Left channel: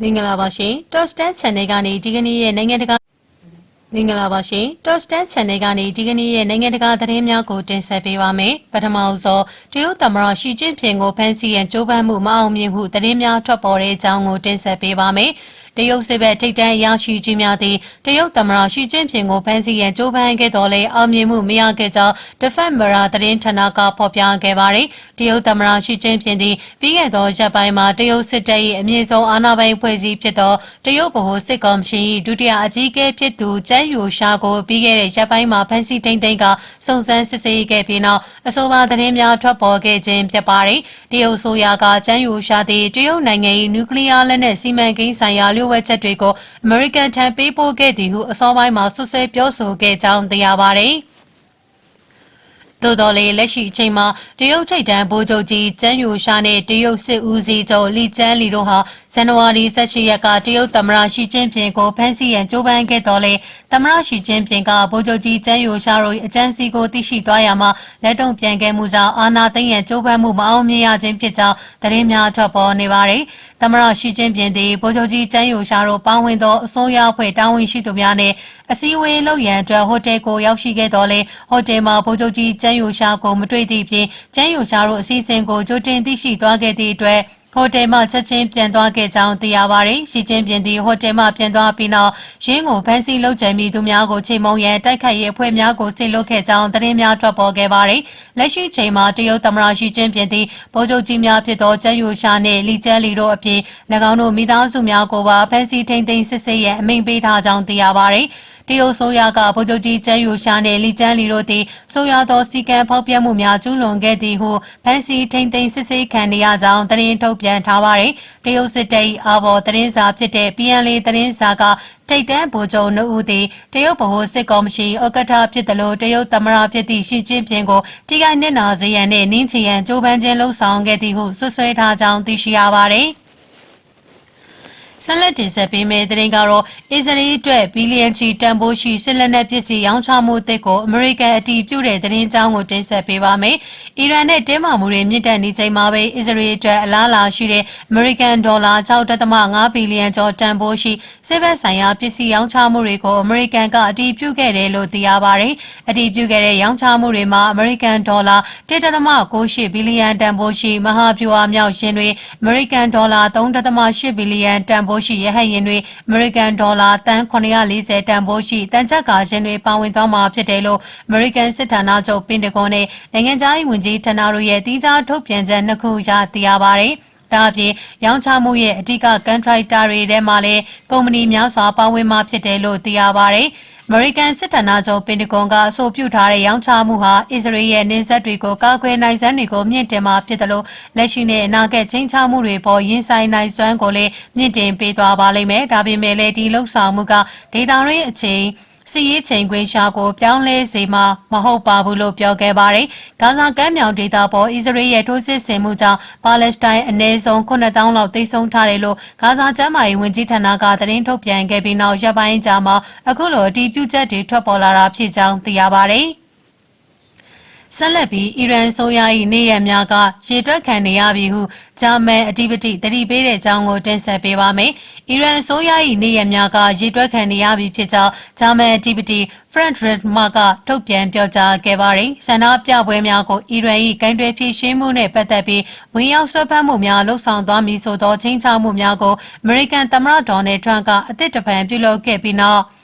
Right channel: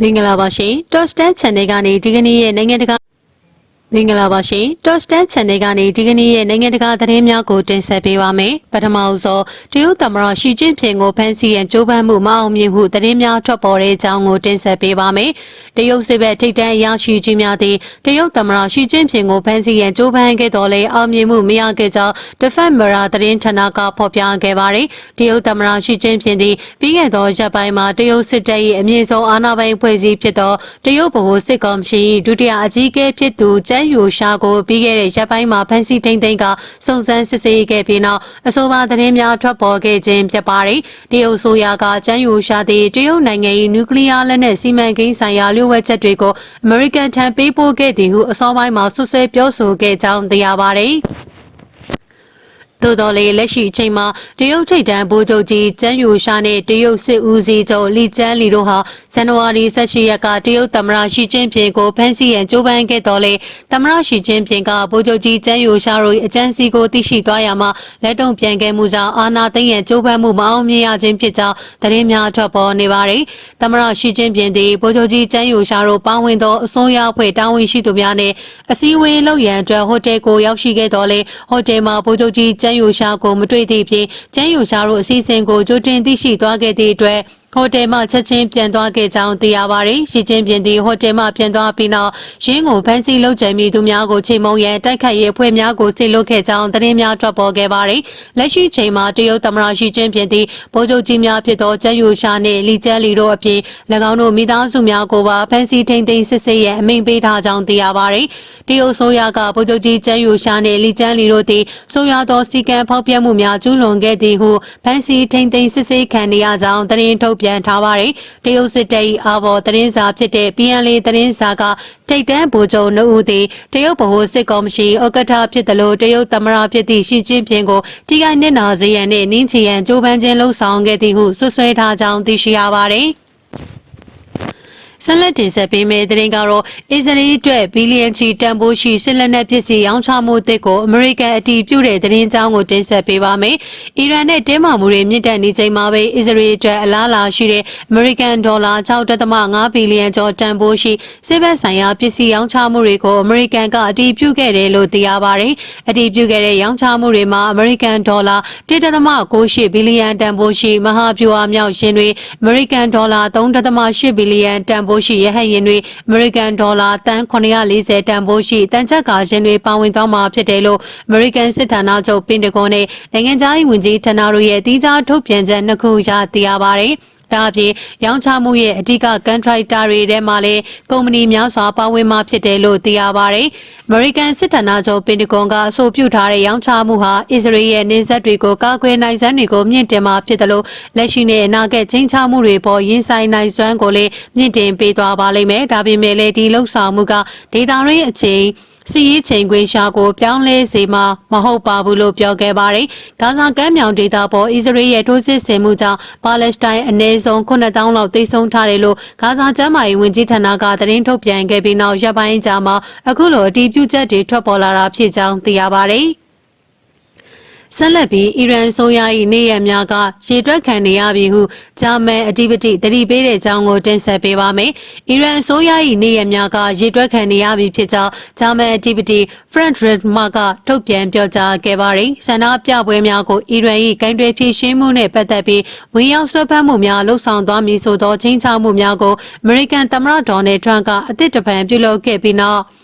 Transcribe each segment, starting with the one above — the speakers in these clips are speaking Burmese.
မင်္ဂလာပါရှင် Tostan Channel ကနေဒီကနေ့ရဲ့နိုင်ငံတကာမင်္ဂလာပါရှင် Tostan Channel ကနေဒီကနေ့ရဲ့နိုင်ငံတကာသတင်းများကိုတင်ဆက်ပေးပါမယ်ပထမဆုံးတရုတ်သမ္မတရှီကျင့်ဖျင်ကိုဖမ်းဆီးရန်ကြိုးပမ်းမှုမအောင်မြင်မှုသတင်းများထွက်ပေါ်တဲ့အကြောင်းကိုတင်ဆက်ပေးပါမယ်တရုတ်စစ်ဘက်ထိပ်တန်းအရာရှိကြီးများသည်တရုတ်သမ္မတရှီကျင့်ဖျင်ကိုဖမ်းဆီးရန်ကြိုးပမ်းခဲ့တော်လဲအောင်မြင်မှုမရခဲ့ကြောင်း Defense Mirror သတင်းဌာနကဖော်ပြခဲ့ပါတယ်တရုတ်သမ္မတရှီကျင့်ဖျင်သည်ပြီးခဲ့သောရက်ပိုင်းမှာတရုတ်စစ်တပ်၏အမြင့်ဆုံးအာဏာပိုင်ဖွဲ့စည်းဖြစ်သောတရုတ်ဗဟိုစစ်ကော်မရှင်၏ဒုတိယအကြီးအကဲဖြစ်သူကျန်းယူရှာကိုပြီးခဲ့တဲ့ရက်ပိုင်းမှာဖမ်းဆီးထိန်းသိမ်းကစုံစမ်းစစ်ဆေးခဲ့ပြီးနောက်အဆိုပါသတင်းများထွက်ပေါ်ခဲ့ခြင်းဖြစ်ပါတယ်တရုတ်ဆိုရကကျန်းယူရှာသည်တရုတ်နိုင်ငံ၏နျူကလ িয়ার လက်နက်စီမံကိန်းဆိုင်ရာလျှို့ဝှက်ချက်တွေကိုအမေရိကန်ထံပေးပို့ခဲ့သည်ဟုအစောပိုင်းမှာဆွဆွဲပြောဆိုခဲ့ကြောင်းသိရပါတယ်သို့တော်လည်းလက်ရှိအချိန်မှာတရုတ်ထိပ်တန်းဗိုလ်ချုပ်ကြီးကျန်းယူရှာနဲ့တရုတ်စစ်ဦးစီးချုပ်လီကျန်းလီတို့ဟာဇန်နဝါရီ18ရက်ကတရုတ်သမ္မတရှီကျင့်ဖျင်ကိုဖမ်းဆီးရန်ကြိုးပမ်းခဲ့တော်လဲသမ္မတရှီကျင့်ဖျင်ကဗိုလ်ချုပ်ကြီးကျန်းယူရှာတို့အကြမ်းစီကိုသိရှိသွားရမှာလက်တုံ့ပြန်ခဲ့မှုကြောင့်အာဏာသိမ်းရန်ကြိုးပမ်းမှုမအောင်မြင်ရခြင်းဖြစ်ကြောင်းသတင်းများထွက်ပေါ်နေပါတယ်။သမ္မတရှီကျင့်ဖျင်သည်ဗိုလ်ချုပ်ကြီးကျန်းယူရှာတို့ပါဝင်သောအစိုးရအဖွဲ့တာဝန်ရှိသူများနဲ့အစည်းအဝေးလုပ်ရန်အတွက်ဟိုတယ်ကိုရောက်ရှိခဲ့တော်လဲဟိုတယ်မှာဗိုလ်ချုပ်ကြီးကျန်းယူရှာကိုမတွေ့သည့်ပြင်ကျန်းယူရှာတို့အစီအစဉ်ကိုကြိုတင်သိရှိသွားခဲ့သည့်အတွက်ဟိုတယ်မှချက်ချင်းပြန်သွားခဲ့ကြောင်းသိရပါတယ်။ရှီကျင်းပြင်သည်ဟိုတယ်မှပြန်သွားပြီးနောက်ရင်းကိုဖမ်းဆီးလုပ်ကြံမိသူများကိုချိန်မုံရန်တိုက်ခိုက်ရေးအဖွဲ့များကိုဆင်လွှတ်ခဲ့ကြောင်းသတင်းများထွက်ပေါ်ခဲ့ပါတယ်။လက်ရှိချိန်မှာတရုတ်သမ္မတရှီကျင်းပြင်သည်ဗိုလ်ချုပ်ကြီးများဖြစ်သောကျန်းယူရှာနှင့်လီကျန်းလီတို့အပြင်၎င်းတို့မိသားစုများကိုပါဖမ်းဆီးထိန်းသိမ်းစစ်ဆေးရန်အမိန့်ပေးထားကြောင်းသိရပါတယ်။တရုတ်ဆိုရကဗိုလ်ချုပ်ကြီးကျန်းယူရှာနှင့်လီကျန်းလီတို့သည်ဆိုရသောစီကံဖောက်ပြမှုများကျူးလွန်ခဲ့သည်ဟုဖမ်းဆီးထိန်းသိမ်းစစ်ဆေးခံနေရကြောင်းသတင်းထုတ်ပြန်ထားပါတယ်။တရုတ်စစ်တပ်၏အာဘော်သတင်းစာဖြစ်တဲ့ PNL သတင်းစာကထိပ်တန်းဗိုလ်ချုပ်နှုတ်ဦးသည်တရုတ်ဗဟိုစစ်ကော်မရှင်ဥက္ကဋ္ဌဖြစ်သလိုတရုတ်သမ္မတဖြစ်သည့်ရှီကျင်းဖျင်ကိုထိခိုက်နစ်နာစေရန်နှင့်နင်းချရန်ကြိုးပမ်းခြင်းလှုံ့ဆော်ခဲ့သည်ဟုဆွဆွဲထားကြောင်းသိရှိရပါတယ်။ဆက်လက်တင်ဆက်ပေးမယ့်သတင်းကတော့အစ္စရေးအတွက်ဘီလီယံချီတန်ဖိုးရှိစစ်လက်နက်ပစ္စည်းရောင်းချမှုအသစ်ကိုအမေရိကန်အတည်ပြုတဲ့သတင်းကြောင်းကိုတင်ဆက်ပေးပါမယ်။အီရန်နဲ့တင်းမာမှုတွေမြင့်တက်နေချိန်မှာပဲအစ္စရေးအတွက်အလားအလာရှိတဲ့အမေရိကန်ဒေါ်လာ 6.5 ဘီလီယံကျော်တန်ဖိုးရှိစစ်ဘက်ဆိုင်ရာပစ္စည်းရောင်းချမှုတွေကိုအမေရိကန်ကအတည်ပြုခဲ့တယ်လို့သိရပါတယ်။အတည်ပြုခဲ့တဲ့ရောင်းချမှုတွေမှာအမေရိကန်ဒေါ်လာ 1.98 ဘီလီယံတန်ဖိုးရှိမဟာဗျူဟာမြောက်ယင်တွေအမေရိကန်ဒေါ်လာ 3.8 ဘီလီယံတန်ဖိုးရှိရဟတ်ယာဉ်တွေအမေရိကန်ဒေါ်လာတန်940တန်ဖိုးရှိတန်ချက်ကာယာဉ်တွေပါဝင်သွားမှာဖြစ်တယ်လို့အမေရိကန်စစ်ဌာနချုပ်ပင်တဂွန်နဲ့နိုင်ငံခြားရေးဝန်ကြီးဌာနတို့ရဲ့တိကျထုတ်ပြန်ချက်နှစ်ခုရသိရပါတယ်။ဒါအပြင်ရောင်းချမှုရဲ့အဓိကကန်ထရိုက်တာတွေထဲမှာလည်းကုမ္ပဏီများစွာပါဝင်မှာဖြစ်တယ်လို့သိရပါတယ်။အမေရိကန်စစ်ဌာနချုပ်ပင်တဂွန်ကအဆိုပြုထားတဲ့ရောင်းချမှုဟာအစ္စရေးရဲ့နေဆက်တွေကိုကာကွယ်နိုင်စွမ်းတွေကိုမြင့်တင်မှာဖြစ်တယ်လို့လက်ရှိနဲ့အနာဂတ်ချင်းချမှုတွေပေါ်ရင်ဆိုင်နိုင်စွမ်းကိုလည်းမြင့်တင်ပေးသွားပါလိမ့်မယ်။ဒါပေမဲ့လည်းဒီလှုပ်ဆောင်မှုကဒေတာရင်းအချိန်စီရေးချိန်ခွင်ရှာကိုပြောင်းလဲစေမှာမဟုတ်ပါဘူးလို့ပြောခဲ့ပါတယ်။ဂါဇာကမ်းမြောင်ဒေသပေါ်အစ္စရေးရဲ့ထိုးစစ်ဆင်မှုကြောင့်ပါလက်စတိုင်းအနည်းဆုံး9,000လောက်သေဆုံးထားတယ်လို့ဂါဇာကျန်းမာရေးဝန်ကြီးဌာနကသတင်းထုတ်ပြန်ခဲ့ပြီးနောက်ရက်ပိုင်းကြာမှာအခုလိုအတည်ပြုချက်တွေထွက်ပေါ်လာတာဖြစ်ကြောင်းသိရပါတယ်။ဆက်လက်ပြီးအီရန်ဆိုရ၏နေရများကရေတွက်ခံနေရပြီဟုဂျာမန်အဓိပတိတတိပေးတဲ့အကြောင်းကိုတင်ဆက်ပေးပါမယ်။အီရန်ဆိုရ၏နေရများကရေတွက်ခံနေရပြီဖြစ်ကြောင်းဂျာမန်အဓိပတိ Frank Redmar ကထုတ်ပြန်ပြောကြားခဲ့ပါတယ်။ဆန္ဒပြပွဲများကိုအီရန်၏ဂိုင်းတွယ်ဖြည့်ရှင်းမှုနဲ့ပတ်သက်ပြီးဝင်ရောက်ဆွဲဖက်မှုများလှုံ့ဆော်သွားမည်ဆိုသောချင်းချောက်မှုများကိုအမေရိကန်သမ္မတဒေါ်နယ်ထရန့်ကအသစ်တပံပြုလုပ်ခဲ့ပြီးနောက်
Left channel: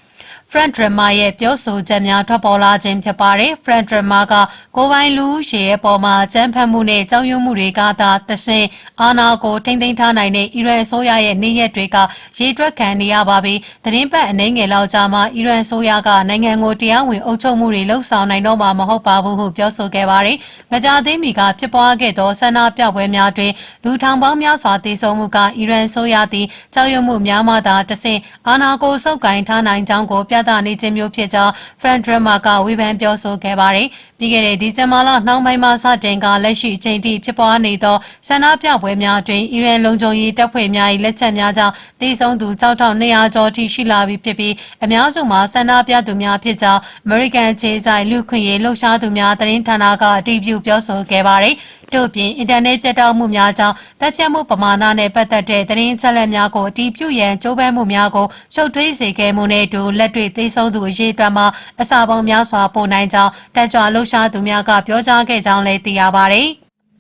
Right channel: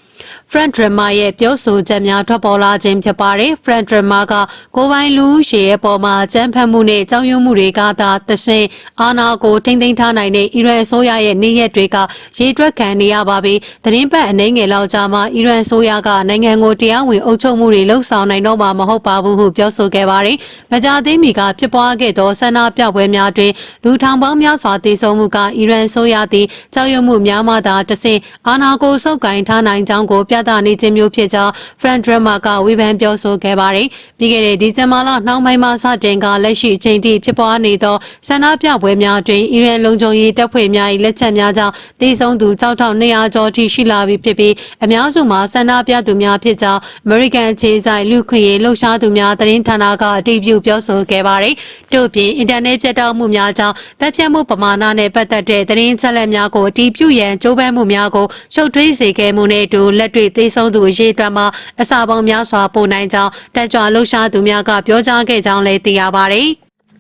Frank Redmar ရဲ့ပြောဆိုချက်များထွက်ပေါ်လာခြင်းဖြစ်ပါတယ်။ Frank Redmar ကကိုပိုင်လူရှေရဲ့ပေါ်မှာအကြမ်းဖက်မှုနဲ့ကြောက်ရွံ့မှုတွေကသာတဆင့်အာဏာကိုထိမ့်သိမ်းထားနိုင်တဲ့အီရန်အစိုးရရဲ့နေရက်တွေကရေတွက်ခံနေရပါပြီ။သတင်းပတ်အနှဲငယ်လောက်ကြာမှအီရန်အစိုးရကနိုင်ငံကိုတရားဝင်အုပ်ချုပ်မှုတွေလှုံ့ဆော်နိုင်တော့မှာမဟုတ်ပါဘူးဟုပြောဆိုခဲ့ပါတယ်။မကြာသေးမီကဖြစ်ပွားခဲ့သောဆန္ဒပြပွဲများတွင်လူထောင်ပေါင်းများစွာသေဆုံးမှုကအီရန်အစိုးရသည်ကြောက်ရွံ့မှုများမှသာတဆင့်အာဏာကိုဆုပ်ကိုင်ထားနိုင်ကြောင်းကိုပြ ပြသနေခြင်းမျိုးဖြစ်ကြောင်း Front Drama ကဝေဖန်ပြောဆိုခဲ့ပါတယ်။ပြီးခဲ့တဲ့ဒီဇင်ဘာလနှောင်းပိုင်းမှာစတင်ကလက်ရှိအချိန်ထိဖြစ်ပွားနေသောဆန္ဒပြပွဲများအတွင်းအီရန်လုံခြုံရေးတပ်ဖွဲ့များ၏လက်ချက်များကြောင့်သေဆုံးသူ6200ကျော်ထိရှိလာပြီဖြစ်ပြီးအများစုမှာဆန္ဒပြသူများဖြစ်ကြောင်း American ခြေဆိုင်လူခွင့်ရေးလှုပ်ရှားသူများသတင်းဌာနကအတည်ပြုပြောဆိုခဲ့ပါတယ်။တို့ပြင်အင်တာနက်ပြတ်တောက်မှုများကြောင့်တပ်ဖြတ်မှုပမာဏနဲ့ပတ်သက်တဲ့သတင်းချက်လက်များကိုအတည်ပြုရန်ကြိုးပမ်းမှုများကိုရှုပ်ထွေးစေခဲ့မှုနဲ့အတူလက်တွေ့သေဆုံးသူအရေးအတွက်မှာအစာပေါင်းများစွာပိုနိုင်ကြောင်းတပ်ကြွလှုပ်ရှားသူများကပြောကြားခဲ့ကြောင်းလည်းသိရပါတယ်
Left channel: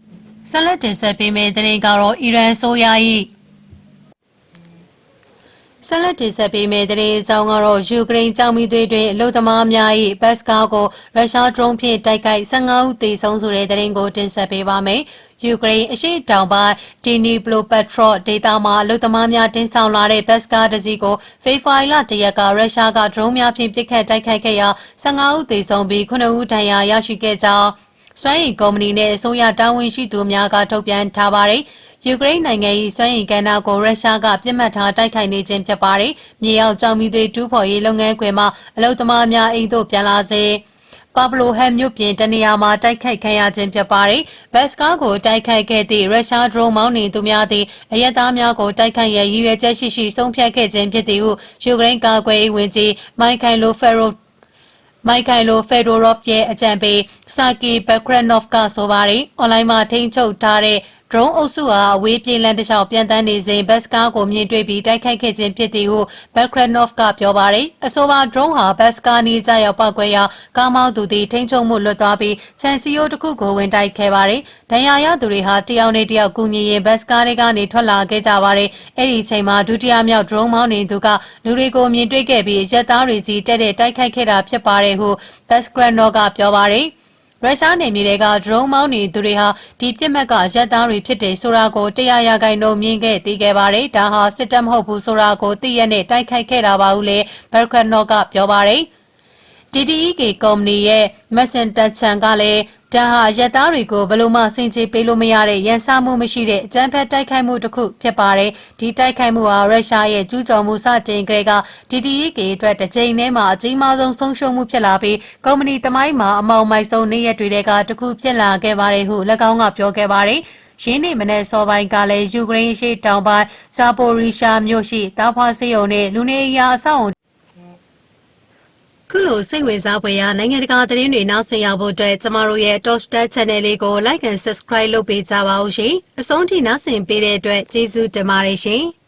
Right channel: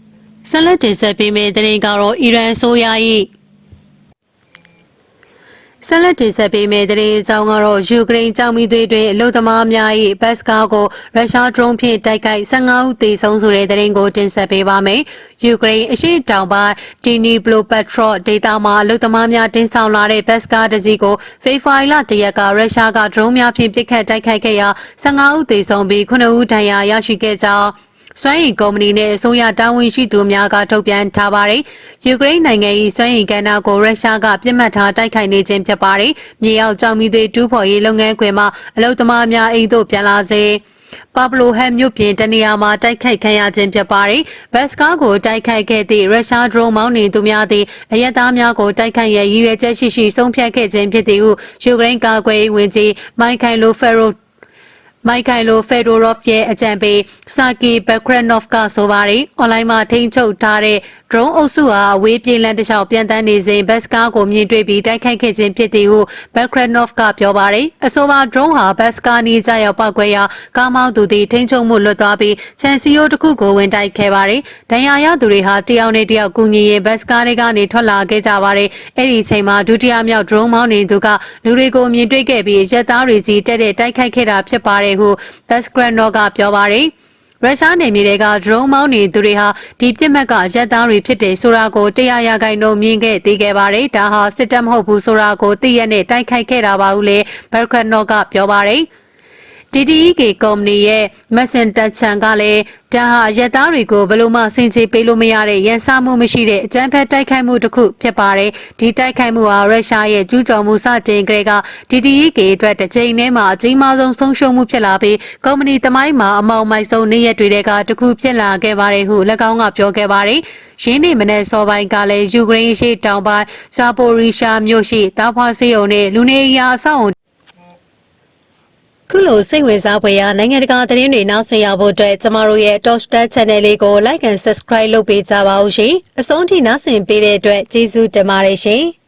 ။ဆက်လက်တင်ဆက်ပေးမယ့်သတင်းကတော့အီရန်ဆိုရ၏ဆက်လက်တင်ဆက်ပေးမယ့်သတင်းအကြောင်းကတော့ယူကရိန်းကြောင်မီသွေးတွင်အလုသမားများ၏ဘတ်စကားကိုရုရှားဒရုန်းဖြင့်တိုက်ခိုက်15ဦးသေဆုံးဆိုတဲ့သတင်းကိုတင်ဆက်ပေးပါမယ်။ယူကရိန်းအရှေ့တောင်ပိုင်းဒီနီဘလိုပက်ထရော့ဒေသမှာအလုသမားများတင်ဆောင်လာတဲ့ဘတ်စကားတစ်စီးကိုဖေဖော်ဝါရီလ1ရက်ကရုရှားကဒရုန်းများဖြင့်ပစ်ခတ်တိုက်ခိုက်ခဲ့ရာ15ဦးသေဆုံးပြီး9ဦးဒဏ်ရာရရှိခဲ့ကြောင်းစွမ်းအင်ကုမ္ပဏီနဲ့အစိုးရတာဝန်ရှိသူများကထုတ်ပြန်ထားပါတယ်။ယူကရိန်းနိုင်ငံ၏စွမ်းအင်ကဏ္ဍကိုရုရှားကပြစ်မှတ်ထားတိုက်ခိုက်နေခြင်းဖြစ်ပါတယ်။မြေအောက်ကြောင်မီသွေးတူးဖော်ရေးလုပ်ငန်းခွင်မှာအလုပ်သမားများအိမ်သို့ပြန်လာစေပါဘလိုဟမ်မြို့ပြင်တနေရာမှာတိုက်ခိုက်ခံရခြင်းဖြစ်ပါတယ်။ဘတ်စကားကိုတိုက်ခိုက်ခဲ့သည့်ရုရှားဒရုန်းမောင်းနေသူများသည်အရက်သားများကိုတိုက်ခိုက်ရန်ရည်ရွယ်ချက်ရှိဆုံးဖြတ်ခဲ့ခြင်းဖြစ်သည်ဟုယူကရိန်းကာကွယ်ရေးဝန်ကြီးမိုက်ခိုင်လိုဖက်ဒိုရော့ဖ်ရဲ့အကြံပေးဆာကီဘက်ခရနော့ဖ်ကဆိုပါတယ်။အွန်လိုင်းမှာထိန်းချုပ်ထားတဲ့ဒရုန်းအုပ်စုဟာအဝေးပြေးလမ်းတစ်လျှောက်ပြန်တန်းနေစဉ်ဘတ်စကားကိုမြင်တွေ့ပြီးတိုက်ခိုက်ခဲ့ခြင်းဖြစ်သည်ဟုဘက်ခရနော့ဖ်ကပြောပါတယ်။အဆိုပါဒရုန်းဟာဘတ်စကားနီးကြရောက်ပောက်ကွဲရာကားမောင်းသူသည်ထိန်းချုပ်မှုလွတ်သွားပြီးချန်စီယိုတစ်ခုကိုဝင်တိုက်ခဲ့ပါတယ်။ဒဏ်ရာရသူတွေဟာတယောက်နဲ့တယောက်ကူညီရင်ဘတ်စကားတွေကနေထွက်လာခဲ့ကြပါတယ်။အဲ့ဒီအချိန်မှာဒုတိယမြောက်ဒရုန်းမောင်းနေသူကလူတွေကိုမြင်တွေ့ခဲ့ပြီးရက်သားတွေစီတက်တဲ့တိုက်ခိုက်ခဲ့တာဖြစ်ပါတယ်ဟုဘတ်ခရနော့ကပြောပါတယ်။ရုရှားနေမြေတွေကဒရုန်းမောင်းနေသူတွေဟာဒီပြစ်မှတ်ကရက်သားတွေဖြစ်တယ်ဆိုတာကို100%မြင်ခဲ့သိခဲ့ပါတယ်။ဒါဟာစစ်တပ်မဟုတ်ဘူးဆိုတာကိုသိရနဲ့တိုက်ခိုက်ခဲ့တာပါဟုလည်းဘတ်ခရနော့ကပြောပါတယ်။ DTEK ကုမ္ပဏီရဲ့မက်ဆန်တက်ချန်ကလည်းဒါဟာရက်သားတွေကိုဘယ်လိုမှစင်ချေပေးလို့မရတဲ့ရန်စမှုမရှိတဲ့အကြမ်းဖက်တိုက်ခိုက်မှုတစ်ခုဖြစ်ပါတယ်။ဒီတိုက်ခိုက်မှုဟာရုရှားရဲ့ကျူးကျော်မှုစတင်ကြတဲ့က DTEK အတွက်တစ်ချိန်တည်းမှာအကြီးမားဆုံးဆုံးရှုံးမှုဖြစ်လာပြီးကုမ္ပဏီသမိုင်းမှာအမောင်မိုက်ဆုံးနေ့ရက်တွေကတစ်ခုဖြစ်လာခဲ့ပါတယ်ဟု၎င်းကပြောခဲ့ပါတယ်။ရင်းနှီးမနဲ့စောပိုင်းကလည်းယူကရိန်းရှိတောင်ပိုင်းဇာပိုရီရှာမြို့ရှိတာဖွာစေယုံနဲ့လူနေရာအဆောက်အုံခုလိုစိတ်ဝင်စားဖွယ်ရာနိုင်ငံတကာသတင်းတွေနောက်ဆက်ရဖို့အတွက်ကျမတို့ရဲ့ Top Star Channel လေးကို Like and Subscribe လုပ်ပေးကြပါဦးရှင်။အဆုံးထိနားဆင်ပေးတဲ့အတွက်ကျေးဇူးတင်ပါတယ်ရှင်။